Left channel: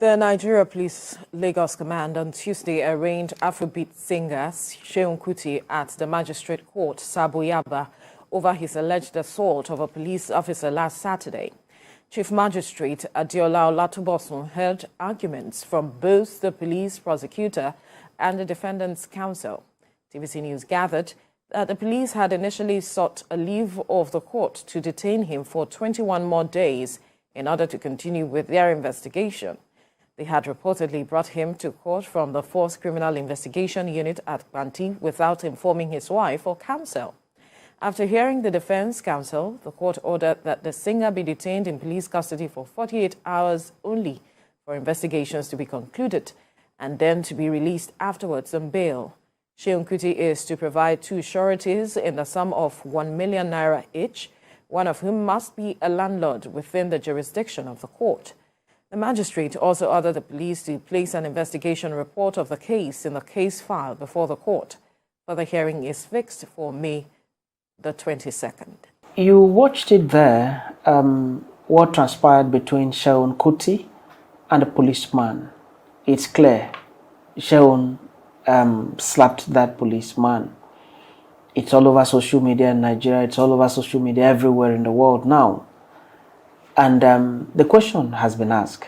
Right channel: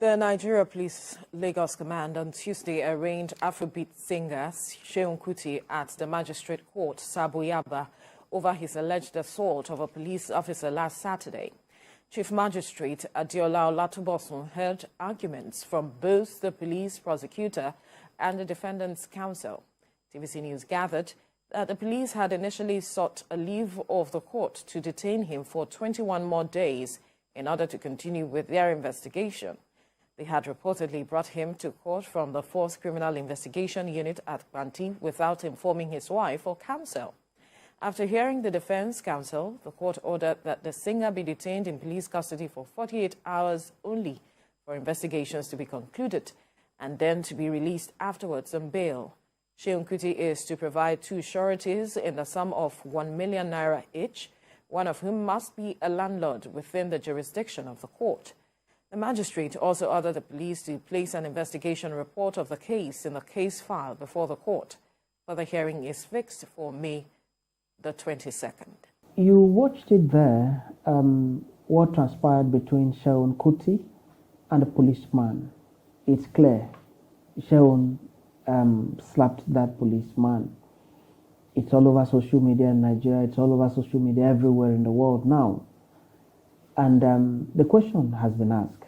The Nigeria Police Lagos Command on Tuesday arraigned Afrobeat singer Seun Kuti at the Magistrate Court, Sabo Yaba, over his alleged assault of a police officer last Saturday. Chief Magistrate Adiola Olatubosun heard arguments from both the police prosecutor and the defendant's counsel. TVC News gathered that the police had initially sought a leave of the court to detain him for 21 more days in order to continue with their investigation. They had reportedly brought him to court from the 4th Criminal Investigation Unit at Banti without informing his wife or counsel. After hearing the defense counsel, the court ordered that the singer be detained in police custody for 48 hours only for investigations to be concluded and then to be released afterwards on bail. Seun Kuti is to provide 2 sureties in the sum of 1 million naira each, one of whom must be a landlord within the jurisdiction of the court. The magistrate also ordered the police to place an investigation report of the case in the case file before the court. Further hearing is fixed for May the 22nd. You watched it there, what transpired between Seun Kuti and the policeman. It's clear, Seun slapped that policeman. It's all over social media in Nigeria, it's all over social media everywhere in the world now. And the question has been asked,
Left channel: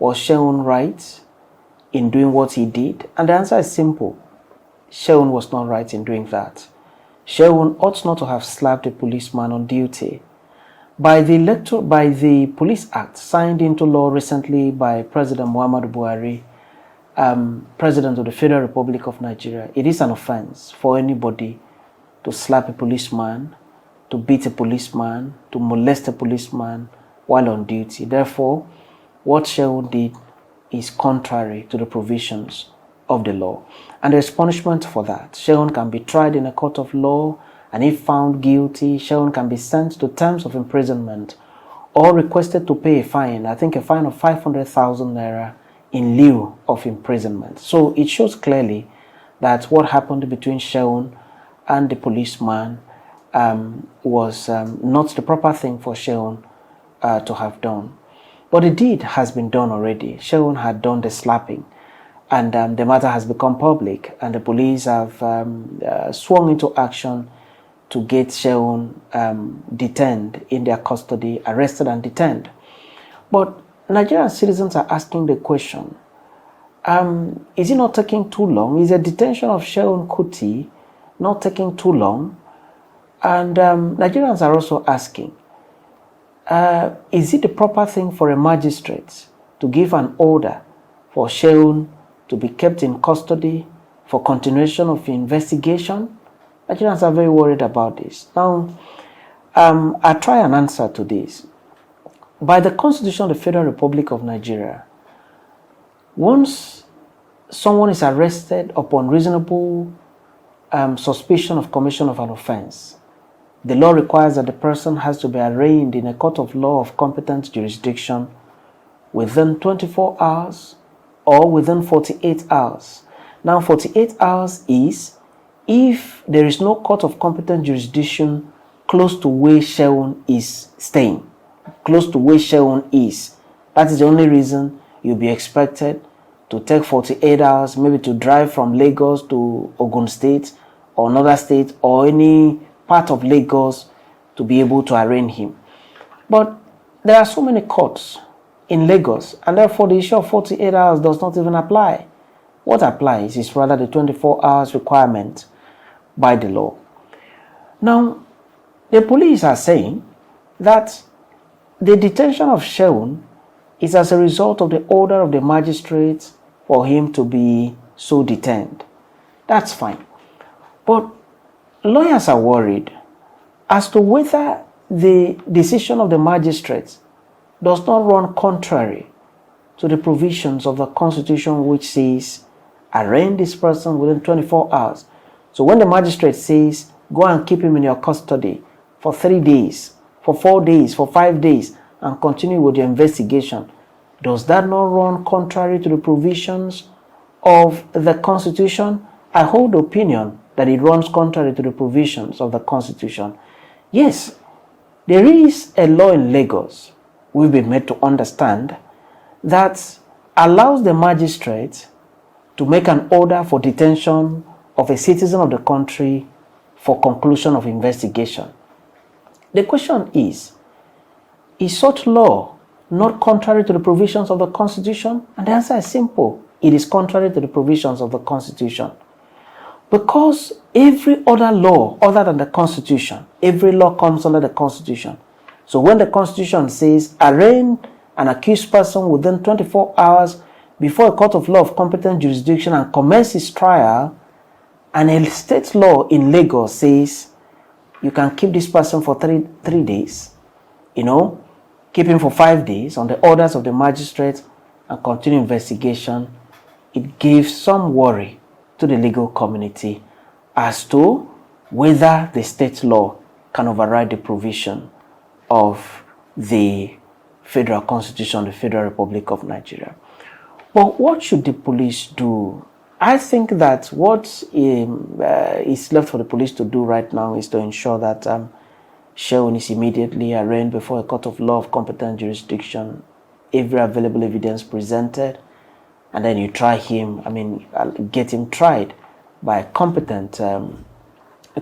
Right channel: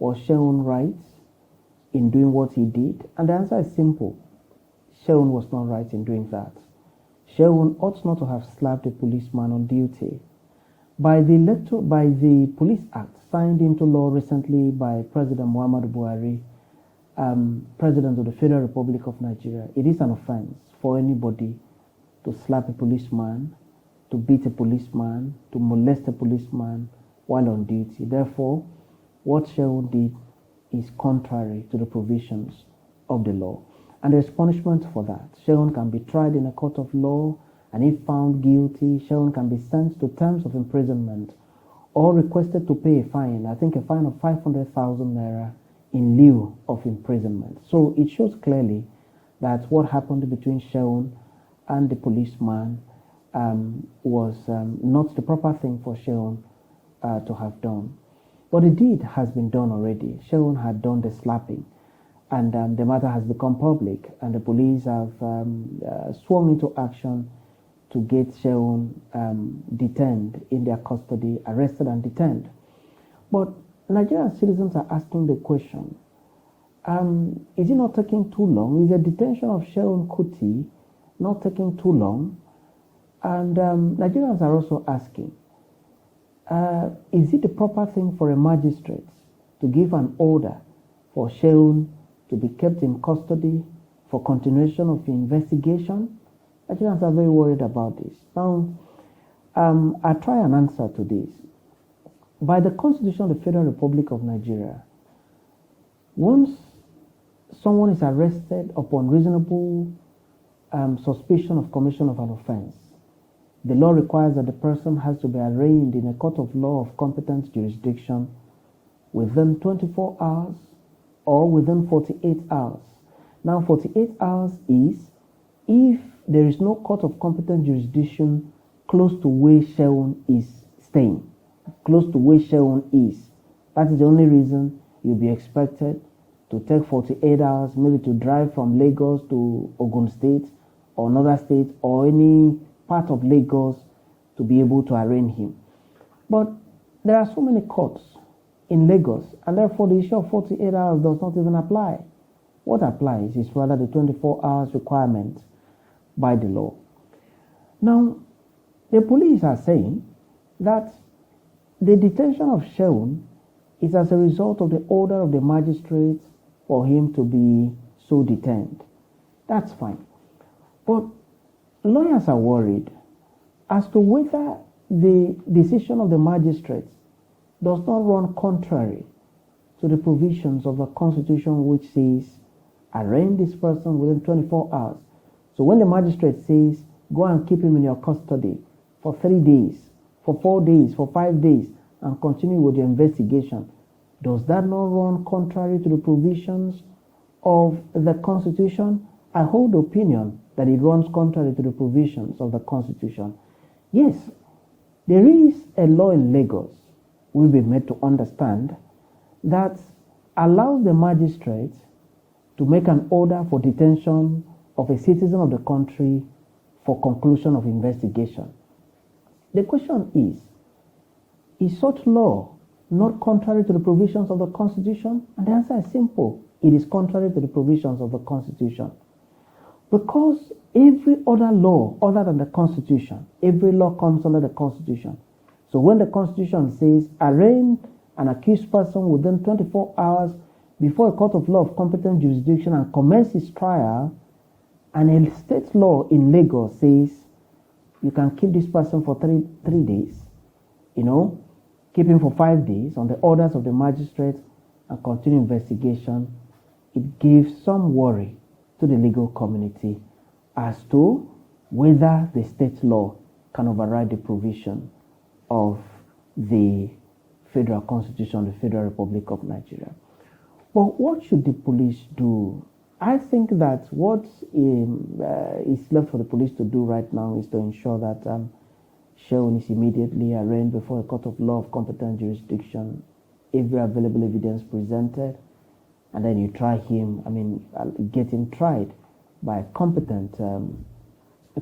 was Seun right in doing what he did? And the answer is simple. Seun was not right in doing that. Seun ought not to have slapped a policeman on duty. By the Police Act signed into law recently by President Muhammadu Buhari, President of the Federal Republic of Nigeria, it is an offense for anybody to slap a policeman, to beat a policeman, to molest a policeman while on duty. Therefore, what Seun did is contrary to the provisions of the law. And there is punishment for that. Seun can be tried in a court of law, and if found guilty, Seun can be sent to terms of imprisonment or requested to pay a fine, I think a fine of 500,000 naira in lieu of imprisonment. So it shows clearly that what happened between Seun and the policeman was not the proper thing for Seun to have done. But the deed has been done already. Seun had done the slapping, and the matter has become public, and the police have swung into action to get Seun detained in their custody, arrested and detained. But Nigerian citizens are asking the question, is it not taking too long? Is the detention of Seun Kuti not taking too long? And Nigerians are also asking, is it the proper thing for a magistrate to give an order for Seun to be kept in custody for continuation of the investigation? Nigerians are very worried about this. Now, I'll try an answer to this. By the Constitution of the Federal Republic of Nigeria, once someone is arrested upon reasonable suspicion of commission of an offense, the law requires that the person has to be arraigned in a court of law of competent jurisdiction within 24 hours or within 48 hours. Now, 48 hours is if there is no court of competent jurisdiction close to where Seun is staying, close to where Seun is. That is the only reason you'll be expected to take 48 hours, maybe to drive from Lagos to Ogun State or another state or any part of Lagos to be able to arraign him. But there are so many courts in Lagos, and therefore the issue of 48 hours does not even apply. What applies is rather the 24 hours requirement by the law. Now, the police are saying that the detention of Seun is as a result of the order of the magistrate for him to be so detained. That's fine. But lawyers are worried as to whether the decision of the magistrate does not run contrary to the provisions of the Constitution, which says arraign this person within 24 hours. So when the magistrate says go and keep him in your custody for 3 days, for 4 days, for 5 days, and continue with your investigation, does that not run contrary to the provisions of the Constitution? I hold the opinion that it runs contrary to the provisions of the Constitution. Yes, there is a law in Lagos we've been made to understand that allows the magistrate to make an order for detention of a citizen of the country for conclusion of investigation. The question is such law not contrary to the provisions of the Constitution? And the answer is simple. It is contrary to the provisions of the Constitution. Because every other law other than the Constitution, every law comes under the Constitution. So when the Constitution says arraign an accused person within 24 hours before a court of law of competent jurisdiction and commence his trial, and a state law in Lagos says you can keep this person for three days, keep him for 5 days on the orders of the magistrate and continue investigation, it gives some worry to the legal community as to whether the state law can override the provision of the Federal Constitution, the Federal Republic of Nigeria. But what should the police do? I think that what is left for the police to do right now is to ensure that Seun is immediately arraigned before a court of law of competent jurisdiction, every available evidence presented, and then you try him, get him tried by a competent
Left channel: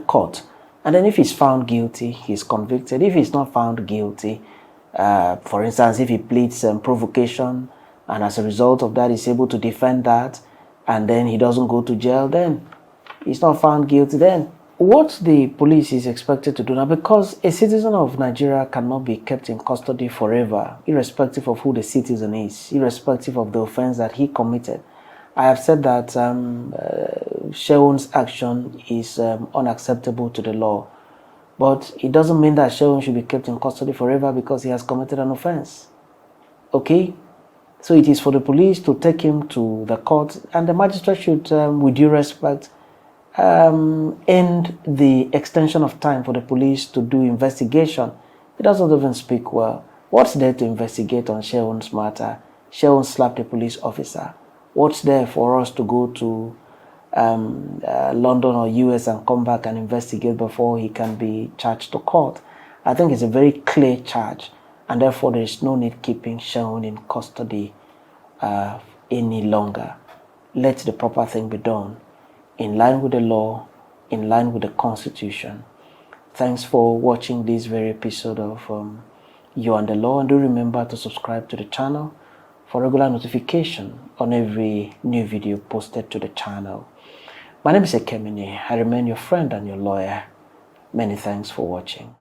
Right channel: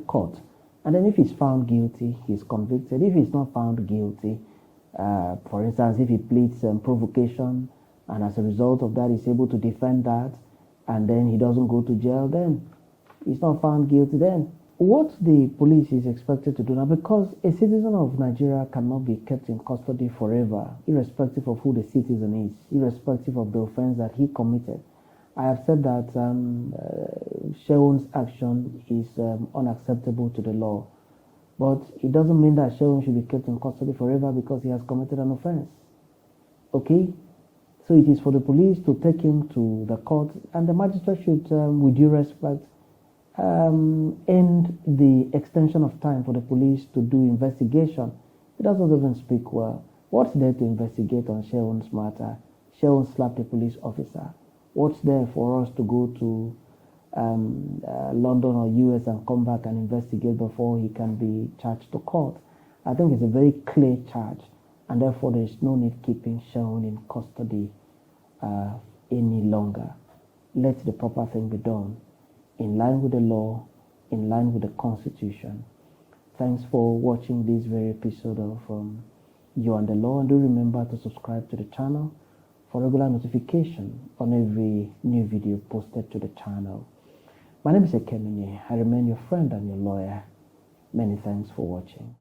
court. And then if he's found guilty, he's convicted. If he's not found guilty, for instance, if he pleads provocation, and as a result of that, he's able to defend that, and then he doesn't go to jail, then he's not found guilty then. What the police is expected to do now, because a citizen of Nigeria cannot be kept in custody forever, irrespective of who the citizen is, irrespective of the offense that he committed. I have said that Seun's action is unacceptable to the law, but it doesn't mean that Seun should be kept in custody forever because he has committed an offense. Okay? So it is for the police to take him to the court, and the magistrate should, with due respect, end the extension of time for the police to do investigation. It doesn't even speak well. What's there to investigate on Seun's matter? Seun slapped a police officer. What's there for us to go to London or US and come back and investigate before he can be charged to court? I think it's a very clear charge, and therefore there is no need keeping Seun in custody any longer. Let the proper thing be done, in line with the law, in line with the Constitution. Thanks for watching this very episode of You and the Law, and do remember to subscribe to the channel for regular notification on every new video posted to the channel. My name is Ekemini. I remain your friend and your lawyer. Many thanks for watching.